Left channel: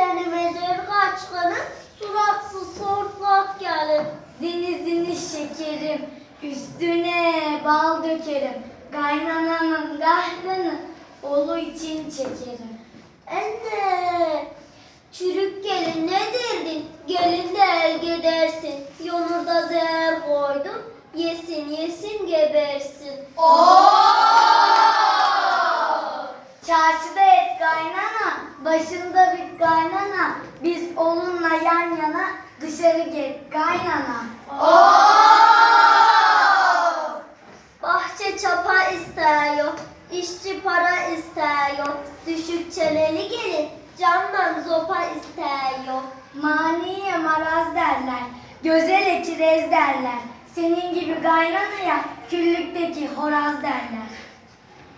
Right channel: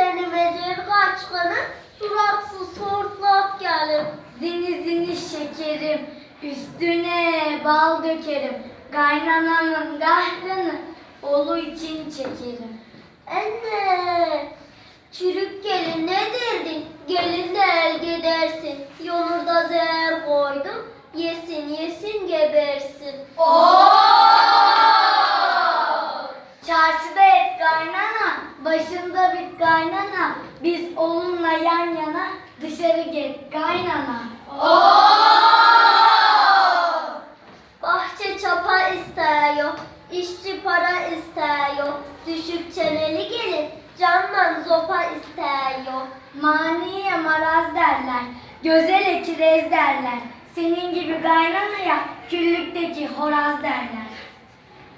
Seni medir kaçkının, suratsız hortlak gelin. Zini zini şekerim, üstüne bal dökerim. Kaynanamın kahrını olu için çekerim. Anne, çürük gelin ne derdin? Gelin de el gidersin. Yolurda zehir koydum, yesin yesin gebersin. Çarşıda et kaynana, başında bir kaynana. Biz onunla yan yana dışarı git kaynana. Bahçe çapa istiyor, işçi para istiyor. Düşük çeneli gelin, candan zopa istiyor. Maniye maraz derler, gözele çirez derler. Senin gibi kaynanaya küllükteki horaz derler.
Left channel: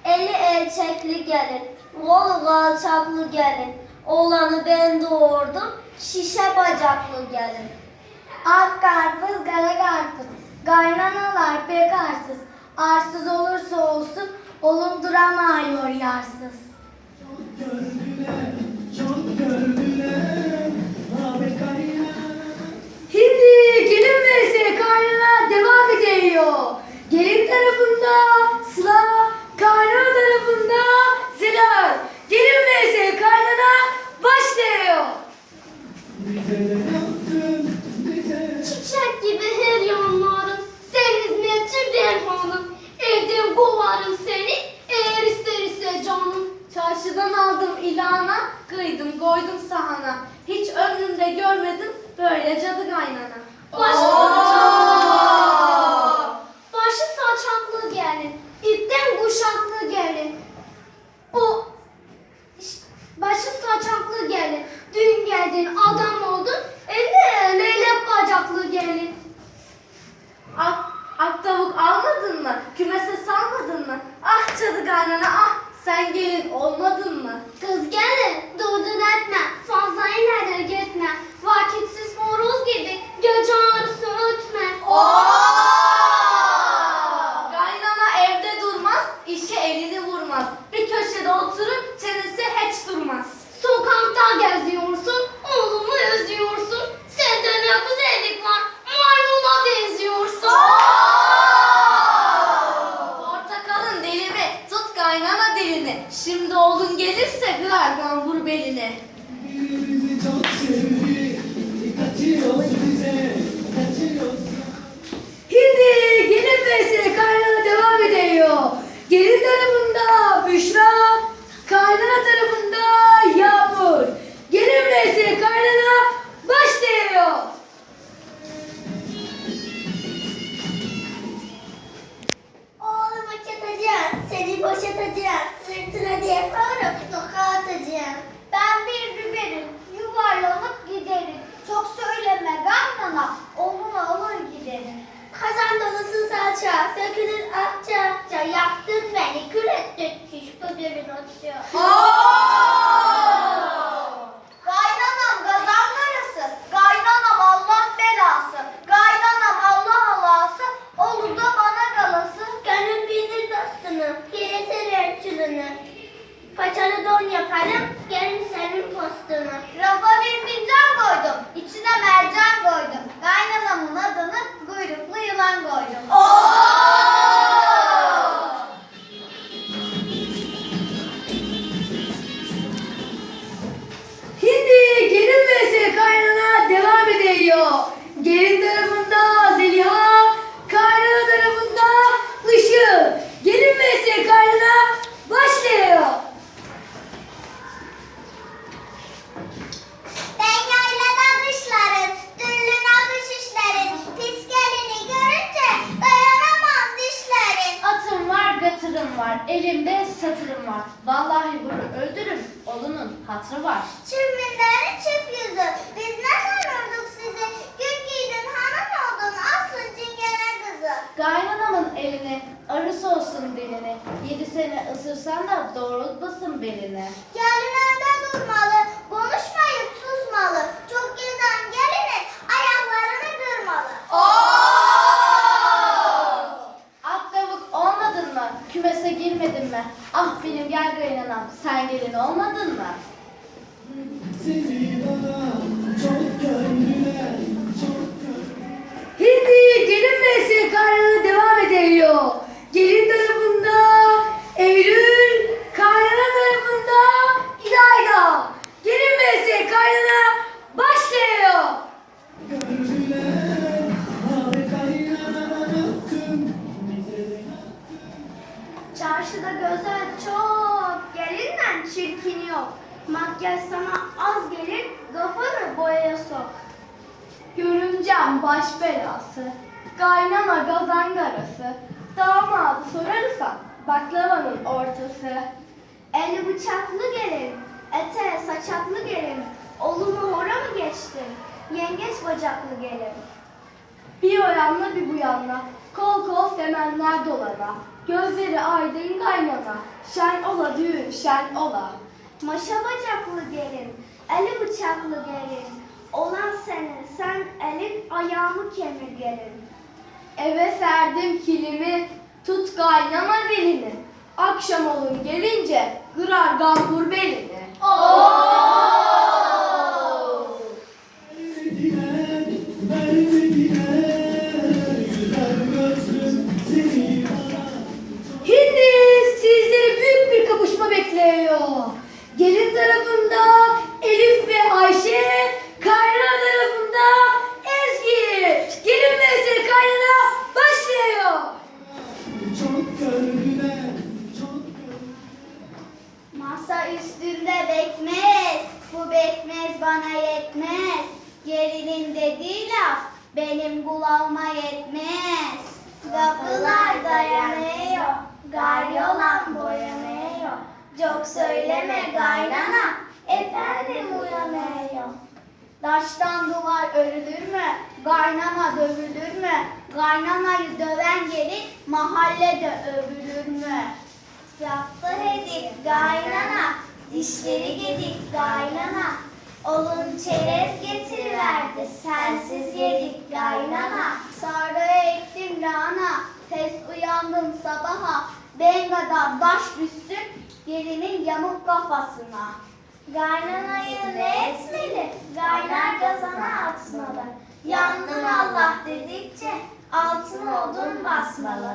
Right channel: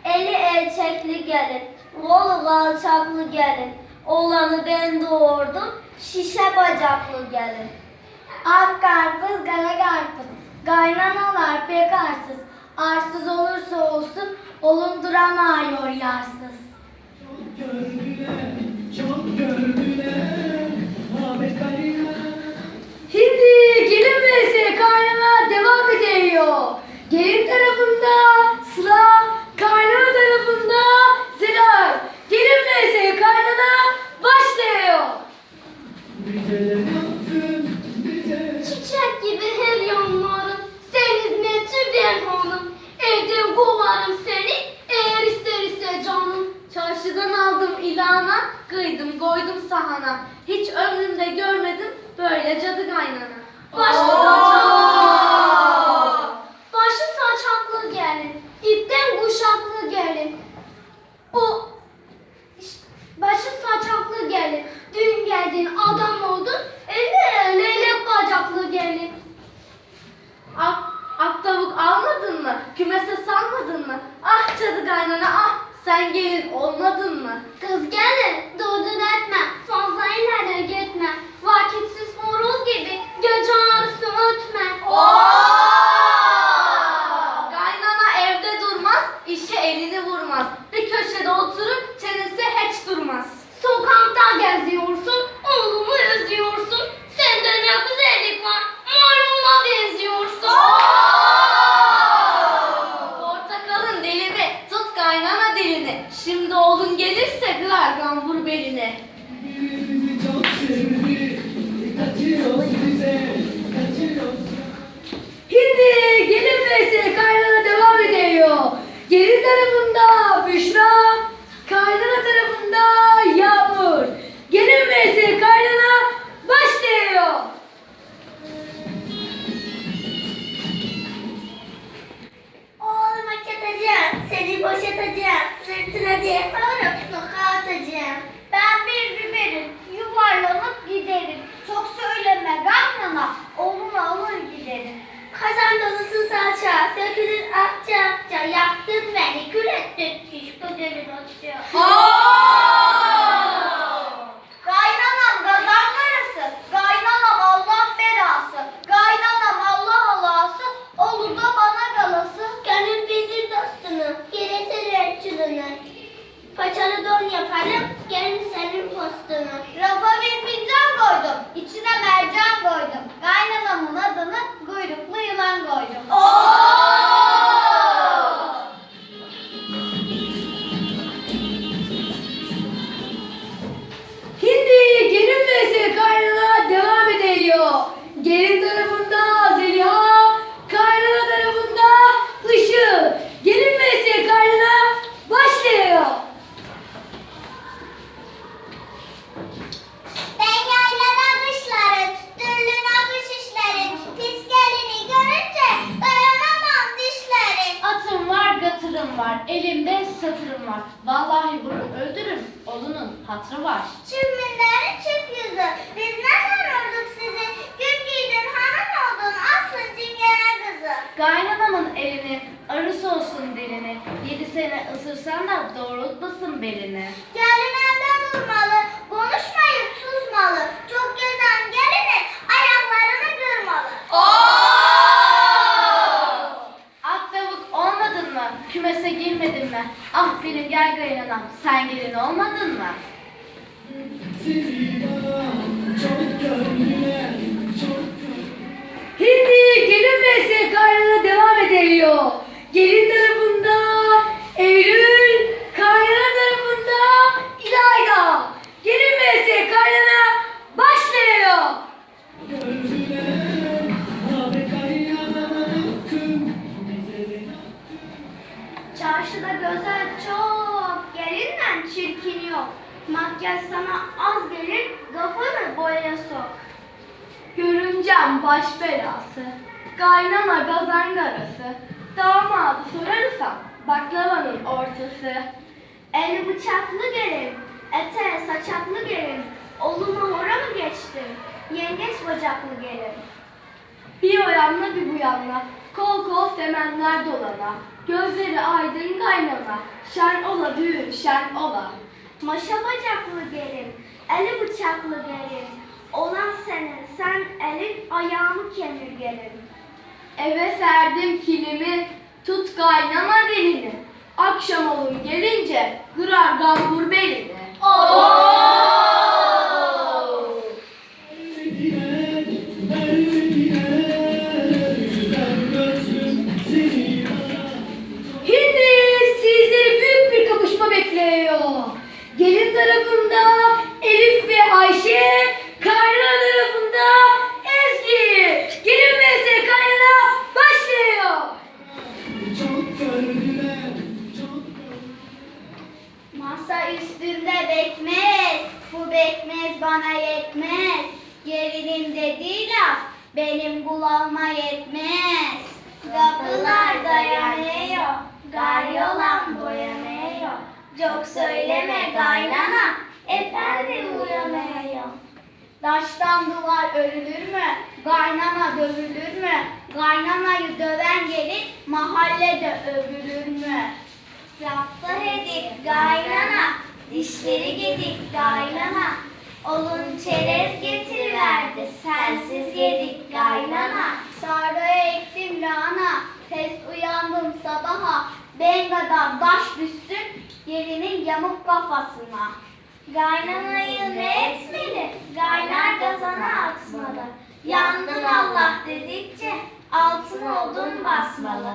Eli elçekli gelin, kolu kalçaklı gelin. Oğlanı ben doğurdum, şişe bacaklı gelin. Ak karpuz, kara karpuz. Kaynanalar pek arsız. Arsız olursa olsun, yarsız. Gördüler. Ahmet Kaya. Hindi gelin vs kaynana devam ediyor. Gelin tarafında aldım ilana, kıydım koydum sahana. Hiç ömrümde görmedim böyle cadı kaynana. Başı saçaklı, başı saçaklı gelin, ipten kuşaklı gelin. O İşte başı saçaklı gelin, dün geldin adam oldun, elle leylek bacaklı gelin. Ak, ak tavuk almadın mı? Kümese salmadın mı? Ah cadı kaynana ah sen olmadın mı? Kız gelin, durdun etme, Hindi gelin vs kaynana devam ediyor. Gelin tarafında Büşra, satırım var, elimde satırım var. Vallahi bunu öldürürüm, onun hatrı var. Çirminlerin çift yüzü, biz nereden vurduk sizi? Gürgüydün, hanım oldun, aslın cingene kızı. Kaynanamın elini, arısı olsun dilini. Yedi sene ısırsan da doğrultmasın belini. Yarın evde durmalı, konuşmayıp susmalı. Girmedin mi? Ah benim gel kaynanam, sen gelin olmadın mı? Hindi gelin vs kaynana devam ediyor. Gelin tarafında Eylül, Makyaj sana az gelir, kafanı boyaya sok. Görümcem baş belası. Kaynana gazan garası. Damadı sorarsan baklavanın ortası. Eli bıçaklı gelin, ete saçaklı gelin. Oluma hora mı geçtin? Yengeç bacaklı gelin. Bir o yanla bir bu yanla. Kol kol semenler dolana. Gözleri aydın kaynana. Şen ola düğün şen ola. Maşa bacaklı gelin, eli bıçaklı gelin. Olan senin, sen elin ayağını kemir gelin. Eve serdim kilimi. Tut kaynana dilini. Akşam olun gelince kırar gambur belini. Vermediler, Çok söyleme kaynana, efendim uyanıyor. Taştan duvar örülür mü? Kaynana dövülür mü? Kaynanayı döven gelir, mahallede övülür mü? Yaptı hedik kaynana, dişleri gedik kaynana. Olun çerez getiriverdi, sensiz yedik kaynana. Sarıya ektim lahana, tez uyandım sabaha. Ben kadar baş düşsün, Yerinin yamuk kafasına. Gaynan ayı ne etmeli? Gaynar gazana atmalı. Yandın Allah dedikçe altın odun basmalı.